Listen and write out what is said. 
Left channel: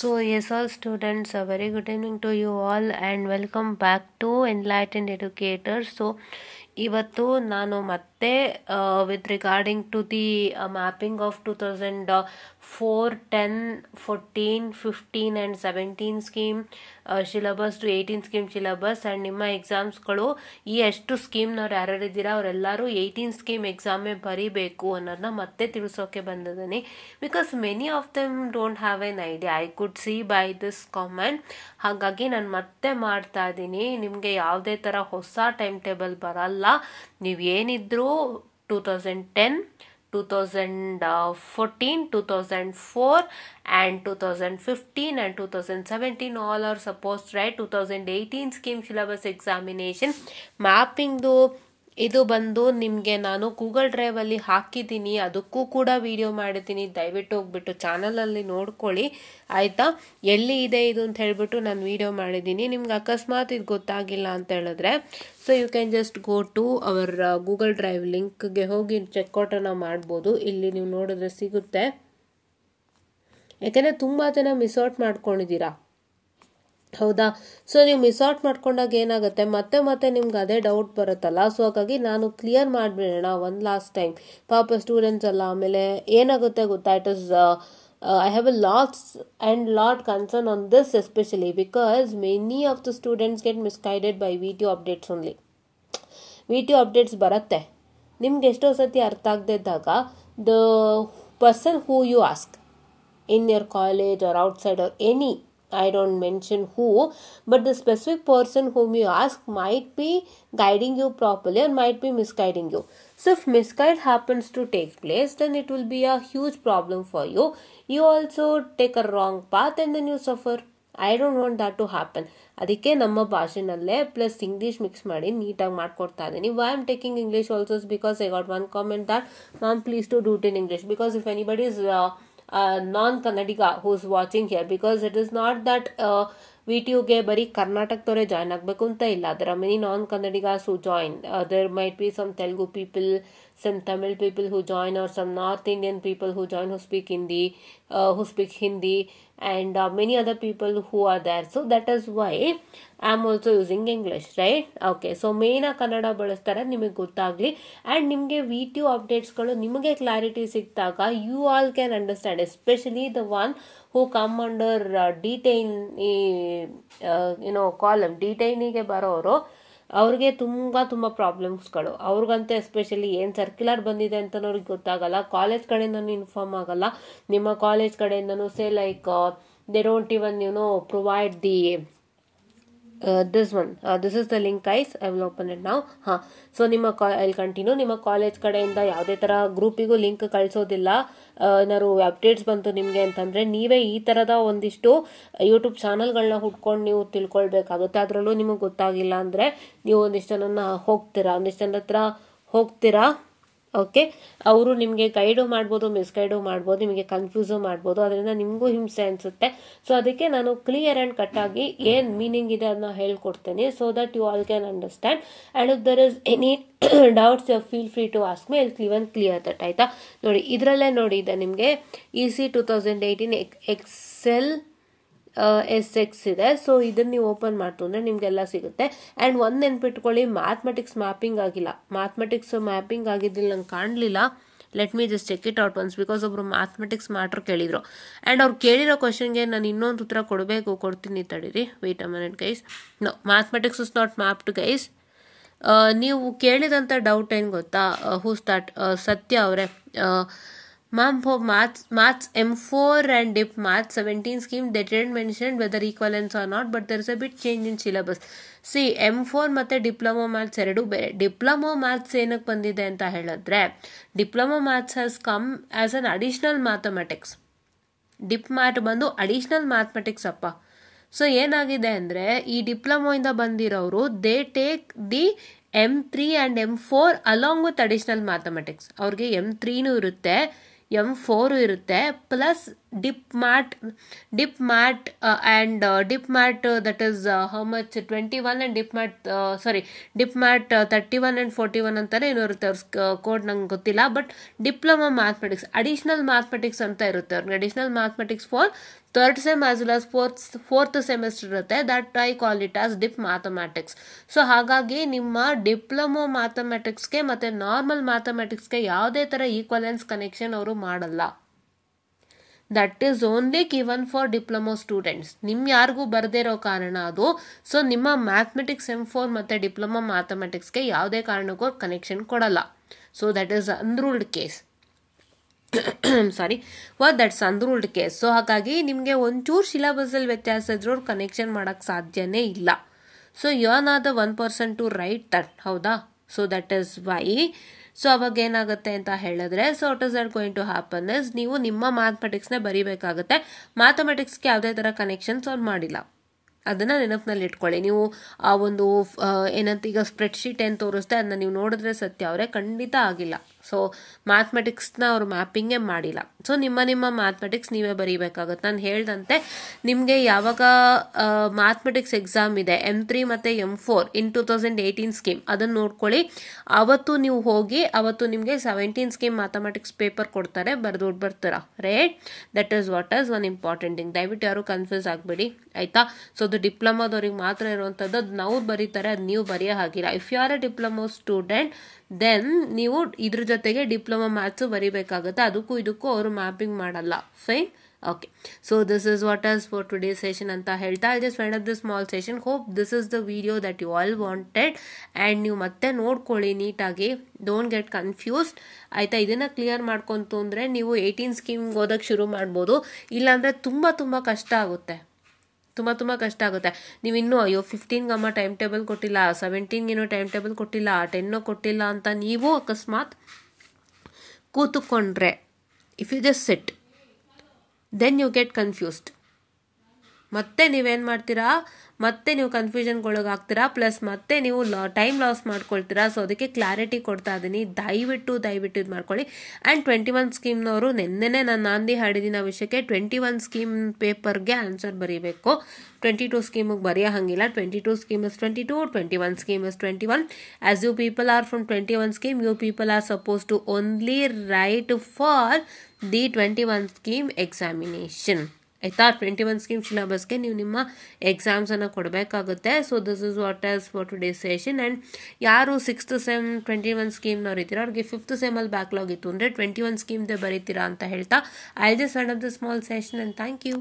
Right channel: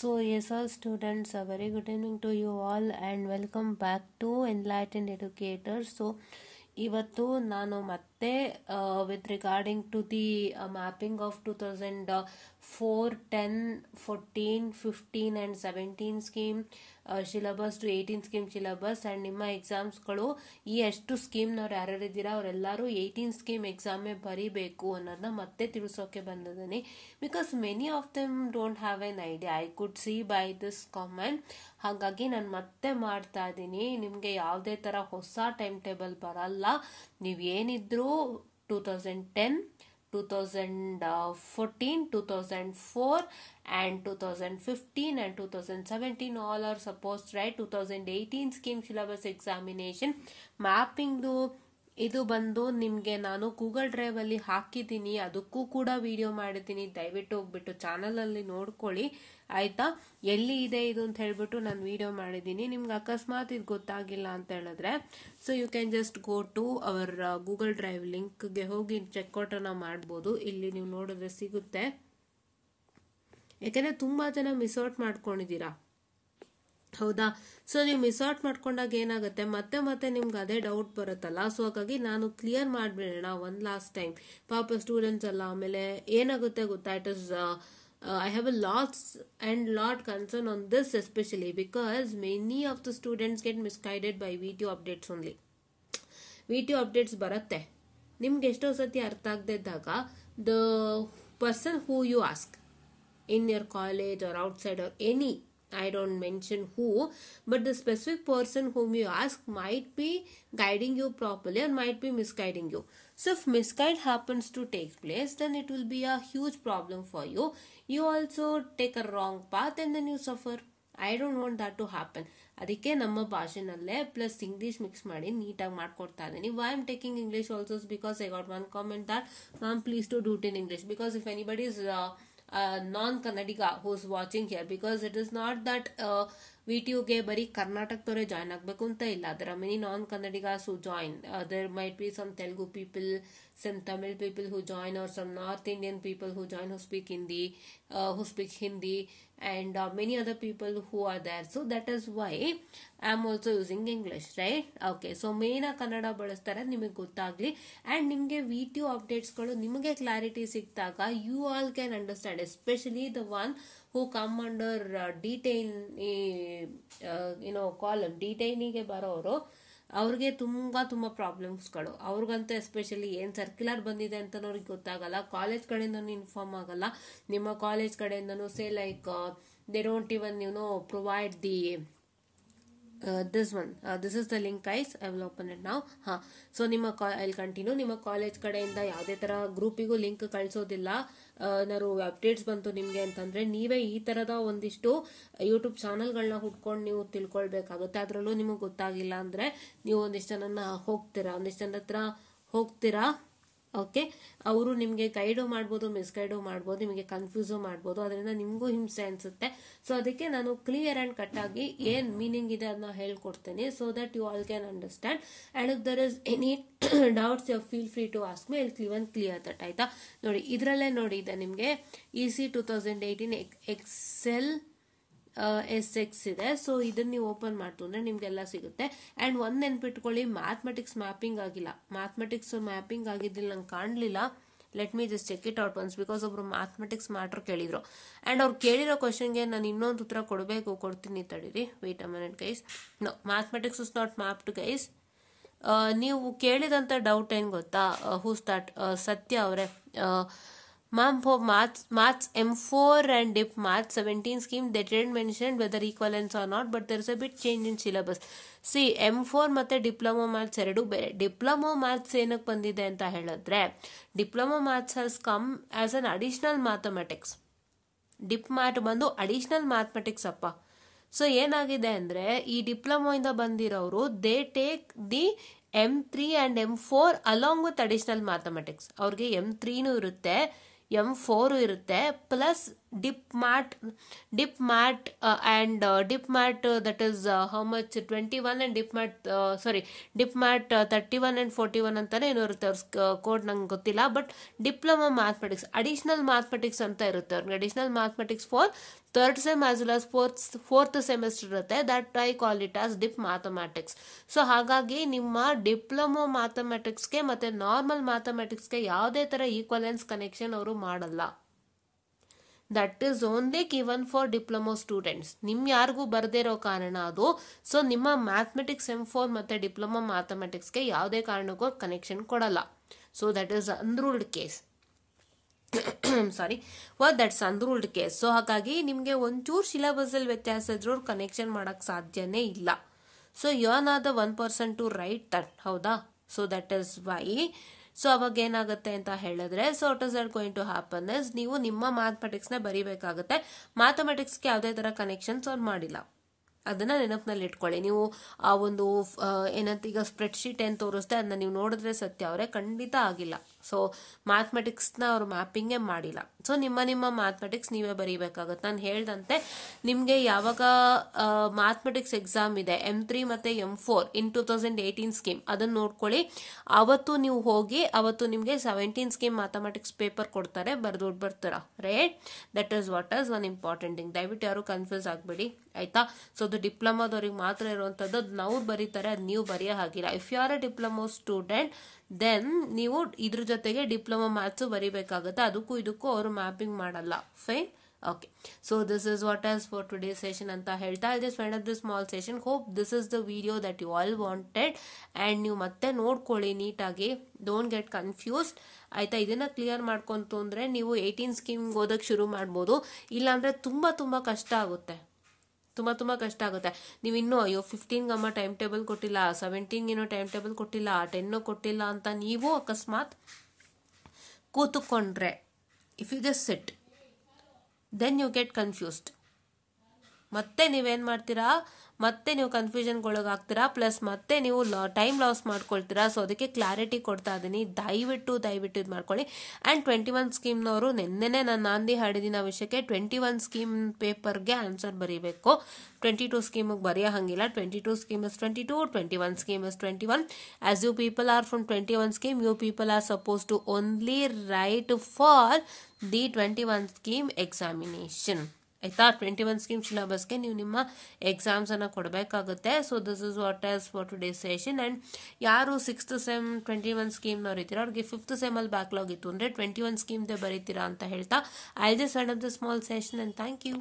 So, yes, all students, a very good evening to you all and welcome back to Enlightened Educators. So, ಇವತ್ತು ನಾನು ಮತ್ತೆ with regarding to the mapping of 2004, 10, 14, 15 and 17 scheme syllabus to 18 scheme syllabus and ನಿಮ್ಮ ಎಕ್ಸಾಮ್ಸ್ಗಳು ಈ ಎಷ್ಟು ಸ್ಕೀಮ್ನವ್ರು ಯಾರ್ಯಾರು ಇದ್ದೀರಾ ಅವರೆಲ್ಲರೂ 18 scheme ಎಕ್ಸಾಮೇ ಬರೀಬೇಕು ಅನ್ನೋದನ್ನ ಮತ್ತೆ ತಿಳಿಸೋಕೆ ಬಂದಿದ್ದೀನಿ. Because many of them don't have an idea, I could see by this comment. ಹಾಗಾಗಿ ನಾನು ಮತ್ತೆ ಮಾಡ್ತಾ ಇದ್ದೀನಿ. ನಿಮಗೆ ಯಾವುದೇ ಥರ ಹೊಸ ಟೈಮ್ ಟೇಬಲ್ ಬರಲ್ಲ. ನೀವು ಏನಿದ್ರು 2010, 2014, 2004 and 2015 and 2017 all are supposed to write 2018 scheme syllabus examination. ಮ್ಯಾಪಿಂಗ್ದು ಇದು ಬಂದು ನಿಮಗೆ ನಾನು ಗೂಗಲ್ ಡ್ರೈವಲ್ಲಿ ಹಾಕಿದ್ದೀನಿ, ಅದಕ್ಕೂ ಕೂಡ ವಿಡಿಯೋ ಮಾಡಿದ್ದೀನಿ. ದಯವಿಟ್ಟು ಹೋಗ್ಬಿಟ್ಟು ಚಾನಲಲ್ಲಿ ನೋಡ್ಕೊಳ್ಳಿ ಆಯಿತಾ. ಎಲ್ಲಿ ಇದೆ ಇದು ಅಂತ ಹೇಳ್ಬಿಟ್ಟು ನಾನು ವಿಡಿಯೋ ಮಾಡಿದ್ದೀನಿ. ನಿಮ್ಗೆ ಅಕಸ್ಮಾತ್ ಇದು ಗೊತ್ತಾಗಿಲ್ಲ ಅಂತ ಹೇಳಿದ್ರೆ so you can just go to our Google drive ಲಿಂಕ್ಗೆ ಹೋಗಿ ಚೆಕ್ಔಟನ್ನು ಮಾಡ್ಬೋದು. ಇಲ್ಲಿ ನೀವು ನೋಡಿದ್ರೆ ಸಿಗುತ್ತೆ. ಯಾಕೆಂದರೆ ತುಂಬ ಜನ ಮಿಸ್ಔಟ್ ಮಾಡ್ಕೊಂಡಿದ್ದೀರಾ, ಹೌದಾ. ಸೊ ನೀವು ಮಿಸ್ಔಟ್ ಮಾಡ್ಕೊಂಡಾಗ ಏನಾಗುತ್ತೆ, ಮತ್ತೆ ನಿಮ್ಗೆ ಅದೇ ಡೌಟ್ ಬರುತ್ತಲ್ಲ. ಸೊ ಹಾಗಾಗಿ ನಾನು ಕ್ಲಿಯರ್ ಮಾಡಿಬಿಡೋಣ ಒಂದು ಲಾಸ್ಟ್ ಟೈಮ್. ಪಾಪ ಸ್ಟೂಡೆಂಟ್ಸ್ ಅಲ್ಲ, ಆಮೇಲೆ ಏನಾಗುತ್ತೆ ಗೊತ್ತಾ, it is I have a lot concern on this especially because many of the students get misguided by VTO updates only. VTO updates ಬರುತ್ತೆ, ನಿಮ್ಗೆ ಎಷ್ಟೋ ಸತಿ ಅರ್ಥ ಆಗದೆ ಇದ್ದಾಗ the person who you ask in your college or outside or any, I don't mention who, but the specific person whom you ask might be guiding you properly or might be misguiding you. So if misguide happens to take place, then it will be a huge problem for you. You also take a wrong path and then you suffer. I don't want that to happen. ಅದಕ್ಕೆ ನಮ್ಮ ಭಾಷೆನಲ್ಲೇ plus English mix ಮಾಡಿ ನೀಟಾಗಿ ಮಾಡ್ಕೊಡ್ತಾ ಇದ್ದೀನಿ. Why am taking English also because I got one comment that ma'am please to do it in English because if anybody is non-Kannadiga who's watching here, because it is not that VTUಗೆ ಬರೀ ಕರ್ನಾಟಕದವರೇ join ಆಗಬೇಕು ಅಂತ ಇಲ್ಲ. there are many non-Kannadigas who join. There might be some Telugu people, some Tamil people who join, or some North Indian people who join who speak Hindi and many other people who are there. So that is why I am also using English, right? Okay, so main Kannada ಬಳಸ್ತಾರೆ ನಿಮಗೆ ಗೊತ್ತಾಗ್ಲಿ and ನಿಮಗೆ VTU ಅಪ್ಡೇಟ್ಸ್ಗಳು ನಿಮಗೆ clarity ಸಿಕ್ತಾಗ you all can understand, especially the one who come under detainee column. ಡಿಟೈನಿಗೆ ಬರೋರು ಅವ್ರಿಗೆ ತುಂಬ ಪ್ರಾಬ್ಲಮ್ಸ್ಗಳು. ಅವ್ರಿಗಂತೂ especially ಏನು circular ಬಂದಿದೆ ಅಂತಲೂ ಅವ್ರಿಗೆ ಗೊತ್ತಾಗಲ್ಲ, ಕಾಲೇಜ್ ಕಡೆಯಿಂದನೂ ಇನ್ಫಾರ್ಮ್ ಆಗಲ್ಲ, ನಿಮ್ಮ ಕಾಲೇಜ್ ಕಡೆಯಿಂದನೂ say like they don't even provide the this one. This is the link guys, I will open it now. So I'll continue. ನಿಮ್ಮ ಕಾಲೇಜ್ ಕಡೆಯಿಂದ ಯಾವುದೇ ಥರ ಗ್ರೂಪಿಗೂ ಲಿಂಕ್ ಕಳಿಸೋದಿಲ್ಲ. ಏನಾದ್ರು ಅಪ್ಡೇಟ್ಸ್ ಬಂತು ನಿಮಗೆ ಅಂತಂದರೆ ನೀವೇ ಈ ಥರದ ಒಂದಿಷ್ಟು ಯೂಟ್ಯೂಬ್ ಚಾನಲ್ಗಳನ್ನ ಹುಡ್ಕೊಂಡು ನೀವು ತಿಳ್ಕೊಳ್ಬೇಕಾಗುತ್ತೆ. ಅದರಲ್ಲೂ ನಿಮಗೆ ಗೊತ್ತಾಗಿಲ್ಲ ಅಂದರೆ ನೀವು ಒಂದಿಷ್ಟು ಜನನ ಒಂದಿಷ್ಟು ಜನ ಹತ್ರ ಹೋಗ್ತೀರಾ. ಓಕೆ, ಅವರು ನಿಮಗೆ ಗೈಡು ಮಾಡ್ಬೋದು, ಮಿಸ್ಗೈಡು ಮಾಡ್ಬೋದು, ನಿಮಗೆ ಕನ್ಫ್ಯೂಸು ಮಾಡ್ಬೋದು, ಅದರಿಂದ ನಿಮಗೂ ಹಿಂಸೆ ಅನಿಸುತ್ತೆ. ಸೊ ಅದಕ್ಕೆ ನಾನು ಕ್ಲಿಯರ್ ಆ್ಯಂಡ್ ಕಟ್ಟಾಗಿ ಏನು ಮೀನಿಂಗ್ ಇದೆ ಅದನ್ನ ಹೇಳ್ಕೊಡ್ತೇನೆ, so that you all can understand. And if there is any doubts you feel free to ask me, I'll even clear that. ಆಯಿತಾ, ನೋಡಿ ಇದರಲ್ಲೇ ನೋಡಿ ಇದೆ ನಿಮಗೆ EC 2018 ಎಕ್ಸೆಲ್ SX ಇದೆ. ಸೊ ಇದನ್ನ ನೀವು ಓಪನ್ ಮಾಡ್ತು ಅಂದರೆ ನಿಮಗೆಲ್ಲ ಸಿಗುತ್ತೆ. ಆ್ಯಂಡ್ ಒಂದು ನೆನ್ಪಿಟ್ಕೊಳ್ಳಿ, ಮ್ಯಾಥಮೆಟಿಕ್ಸ್ ಮ್ಯಾಪಿಂಗ್ ಆಗಿಲ್ಲ. ಮ್ಯಾಥಮೆಟಿಕ್ಸ್ ಮ್ಯಾಪಿಂಗ್ ಆಗಿದ್ದಿಲ್ಲ, ನಂಗೆ ಕಾಣಲಿಲ್ಲ. Let me just check it out once, because ಒಬ್ರು ಮ್ಯಾಥಮೆಟಿಕ್ಸ್ ಮ್ಯಾಟ್ರ್ ಕೇಳಿದ್ರು ಆ್ಯಂಡ್ ಅವ್ರು ಕೇಳಿರೋ ಕ್ವಶನ್ಗೆ ನಾನು ಇನ್ನೊಂದು ಉತ್ತರ ಕೊಡ್ತೀನಿ ತಡೀರಿ. Wait a minute guys. No, mathematics is not mapped guys. ನೀವು ಕೇಳಿದಂಥ ಡೌಟ್ ಏನು ಗೊತ್ತಾ, ಹೂ ಸ್ಟಾರ್ಟ್ ಸತ್ಯ ಅವರೇ. Ma'am, for maths M4 and DIP maths 17 scheme, they didn't mention whether equivalence or not, but there is a bit change in syllabus. See, M4 ಮತ್ತೆ diploma maths ಎರಡು ಬೇರೆ. Diploma maths ಏನಕ್ಕೆ ಬಂದಿದೆ ಅಂತ ಹೇಳಿದ್ರೆ, diploma maths has come as an additional mathematics. Dip mat ಬಂದು additional mathematics ಅಪ್ಪ. So ಏನಾಗಿದೆ ಅಂದರೆ, ಈ ಡಿಪ್ಲೊಮೋಯಿಂದ ಬಂದಿರೋರು they take the M3 and M4 along with additional mathematics. ಅವ್ರಿಗೆ M3ನೂ ಇರುತ್ತೆ, M4 ಇರುತ್ತೆ, plus dip mat that is how much 21 and dip mat 31 and 41 ಅಂತಾನೆ ಏನೋ ಇರುತ್ತೆ. ಅವ್ರ ಕೋಡ್ ನಂಗೆ ಗೊತ್ತಿಲ್ಲ. But diploma mathematics additional mathematics ಅಂತ ಇರುತ್ತೆ ಅವ್ರಿಗೆ. Additional mathematics for third sem as well as fourth semester ಇರುತ್ತೆ. That I call it as dip mathematics. So ಹಾಗಾಗಿ ನಿಮ್ಮ ಡಿಪ್ಲೊಮೊ ಮ್ಯಾಥಮೆಟಿಕ್ಸ್ಗೆ ಮತ್ತು ನಾರ್ಮಲ್ ಮ್ಯಾಥಮೆಟಿಕ್ಸ್ಗೆ ಯಾವುದೇ ಥರ ಈಕ್ವಲೆನ್ಸ್ ಕನೆಕ್ಷನ್ ಅವರು ಮಾಡಲ್ಲ. That is only given for diploma students. ಯಾರಿಗೂ ಬರದೇ ಇರೋ ಕಾರಣ ಅದು. ಸೊ ನಿಮ್ಮ ಮ್ಯಾಥಮೆಟಿಕ್ಸ್ M4 ಮತ್ತು ಡಿಪ್ಲೊಮೊ ಮ್ಯಾಥಮೆಟಿಕ್ಸ್ಗೆ ಯಾವುದೇ ಕಾರಣಕ್ಕೂ ಕನೆಕ್ಷನ್ ಕೊಡಲ್ಲ. So that is unruled case. Sorry, that's unruled case. So ಹಾಗಾಗಿ ನಿಮಗೆ ಒಂಚೂರು ಸಿಲೆಬಸಲ್ಲಿ ವ್ಯತ್ಯಾಸ ಇದ್ರೂ ಕನೆಕ್ಷನ್ ಮಾಡೋಕ್ಕೆ ಸಾಧ್ಯನೇ ಇಲ್ಲ. So you are not the 1% to write that. ಹೌದಾ? So that is why. So ಅವಾಗ ಏನಾಗುತ್ತೆ ಅಂತ ಹೇಳಿದ್ರೆ, so what is that going to happen is, ನೀವು ನಿಮ್ಮ ಮ್ಯಾಥಮೆಟಿಕ್ಸ್ನೇ ಬರೀಬೇಕಾಗುತ್ತೆ. ಮ್ಯಾಥಮೆಟಿಕ್ಸ್ಗೆ ಯಾವುದೇ ಥರ ಕನೆಕ್ಷನ್ಸ್ ಅವ್ರು ಮಾಡಿಲ್ಲ. ಅದನ್ನು ನೆನಪಿನಲ್ಲಿ ಇಟ್ಕೊಳ್ಳಿ. ನೀವು ಆ ಒಂದು ಏನಂತ ಈಗ ಸ್ಪ್ರೆಡ್ಶೀಟ್ ಏನು ತೋರಿಸ್ತೆ ಅದನ್ನ ನೀವು ನೋಡಿದ್ರೆ ಸತ್ಯ ಅವರೇ ಖಂಡಿತ ಆಗಿಲ್ಲ. ಸೊ ಮ್ಯಾಥಮೆಟಿಕ್ಸ್ನ ಅವರು ಮ್ಯಾಪಿಂಗೇ ಮಾಡಿಲ್ಲ. ಸೊ ನಿಮ್ಮ ಮ್ಯಾಥಮೆಟಿಕ್ಸ್ ನೀವೇ ಬರೀಬೇಕಾಗುತ್ತೆ. ನಾನು ಹೇಳ್ದಂತೆ ನಿಮಗೆ ಯಾವಾಗ ಮ್ಯಾಥಮೆಟಿಕ್ಸ್ ಎಕ್ಸಾಮ್ ಇದೆ M3 ಮತ್ತು M4 ಇನ್ 2018 ಸ್ಕೀಮ್, ಅದನ್ನು ನೋಡ್ಕೊಳ್ಳಿ. ಅವತ್ತು ನೀವು ಹೋಗಿ ಅವತ್ತು ನಿಮಗೆ 17 ಸ್ಕೀಮ್ ಮ್ಯಾಥಮೆಟಿಕ್ಸ್ ಪೇಪರ್ ಕೊಡ್ತಾರೆ, ಬರೆದು ಬರ್ತೀರಾ. Right? That is what is one important thing. ದಯವಿಟ್ಟು ಯಾರು ಕನ್ಫ್ಯೂಸ್ ಆಗಬೇಡಿ, ಆಯಿತಾ? ಸೊ ಅದು ಡಿಪ್ಲೊಮೋದವ್ರಿಗೆ ಮಾತ್ರ ಇರುವಂಥದ್ದು. ಅದು ನಾವು ಬರೀತಾರೆ, ಅದು ನೀವು ಬರೆಯೋ ಹಾಗಿಲ್ಲ. If you are a diploma student then ನೀವು ಇದ್ರ ಜೊತೆಗೆ ಡಿಪ್ಲೊಮಾ ಮ್ಯಾಥ್ಸು ಬರೀಬೇಕಾಗುತ್ತೆ. ಅದಕ್ಕೂ ಇದಕ್ಕೂ ಅವರು ಮ್ಯಾಪಿಂಗ್ ಮಾಡಲ್ಲ. Fine? Okay. So this is what is for today session ಅಂತ ಹೇಳ್ತಾ I just wind up this small session. Hope this is the video that you all wanted. And ನೀವು ಮತ್ತೆ ನೋಡ್ಕೊಳ್ಳಿ ನೀಟಾಗಿ, ಡೋಂಟ್ ಗೆಟ್ ಕನ್ಫ್ಯೂಸ್ಡ್, ಆಯಿತಾ? ಇದನ್ನು clear ಮಾಡ್ಕೊಂತು ಅಂದರೆ ನೀವು 18 ಸ್ಕೀಮ್ಗೆ ಓದೋಕ್ಕೆ ಶುರು ಮಾಡ್ಬೋದು. ಇಲ್ಲಾಂದರೆ ತುಂಬ ಕಷ್ಟ ಆಗುತ್ತೆ. ತುಂಬ ಕಷ್ಟ ಆಗುತ್ತೆ. ನೀವು ಇನ್ನೂ 15 ಟೈಮ್ ಟೇಬಲ್ ಕೊಟ್ಟಿಲ್ಲ, 17 ಟೈಮ್ ಟೇಬಲ್ ಕೊಟ್ಟಿಲ್ಲ, 10 ಕೊಟ್ಟಿಲ್ಲ ಅಂತ ನೀವು ಅಕಸ್ಮಾತ್ ಕೂತ್ಕೊಂಡ್ರೆ, if you just sit, then you get confused. ಮತ್ತೆ ನೀವೇನು ಮಾಡ್ತೀರಾ, ಮತ್ತೆ ನೀವು ಕನ್ಫ್ಯೂಷನ್ಗೊಳಗಾಗ್ತೀರಾ, ಪ್ಲಸ್ ಮತ್ತೆ ನೀವು ಟೈಮ್ ಲಾಸ್ ಮಾಡ್ಕೊಳ್ತೀರಾ. ಸೊ ಅದಕ್ಕೆ ಕ್ಲಾರಿಟಿ ಕೊಡ್ತಾ ಇದ್ದೀನಿ. ದಯವಿಟ್ಟು ಇದು ಮಾಡ್ಕೊಳ್ಳಿ. ಆ್ಯಂಡ್ 21 ಸ್ಕೀಮ್ನವರು ನೆನ್ನೆನೇ ನಾನು ನಾಂದಿ ಹಾಡಿದ್ದೀನಿ ಆ ವಿಷಯಕ್ಕೆ. 21 ಸ್ಕೀಮ್ ಪೇಪರ್ಗೆ ಆನ್ಸರ್ ಬರೀಬೇಕು. 22 ಸ್ಕೀಮಿಗೆ ಬರೆಯೋ ಹಂಗಿಲ್ಲ. 22 scheme is 22, 21 scheme is 21. As you people are from 21 scheme, you people are suppose to only write for the 21 scheme examination. ಆಯಿತಾ? 21 ಸ್ಕೀಮ್ ಸಿಲೆಬಸ್ಗೆ ನೀವು ನಿಮ್ಮ ಎಕ್ಸಾಮ್ಸನ್ನು ಕೊಡಬೇಕಾಗುತ್ತೆ. So this is what is for today session. And ಯಾರು 6th sem 21 ಸ್ಕೀಮ್ನವ್ರು ಇದ್ದೀರಾ ಅವ್ರಿಗೆ 5th ಸೆಮಲ್ಲಿ backlog ಇತ್ತು ಅಂದರೆ 21 ಸ್ಕೀಮ್ದೇ ಬರೀತೀರಾ ಅಂತ ಹೇಳ್ತಾ I just end of the small session. And thank you.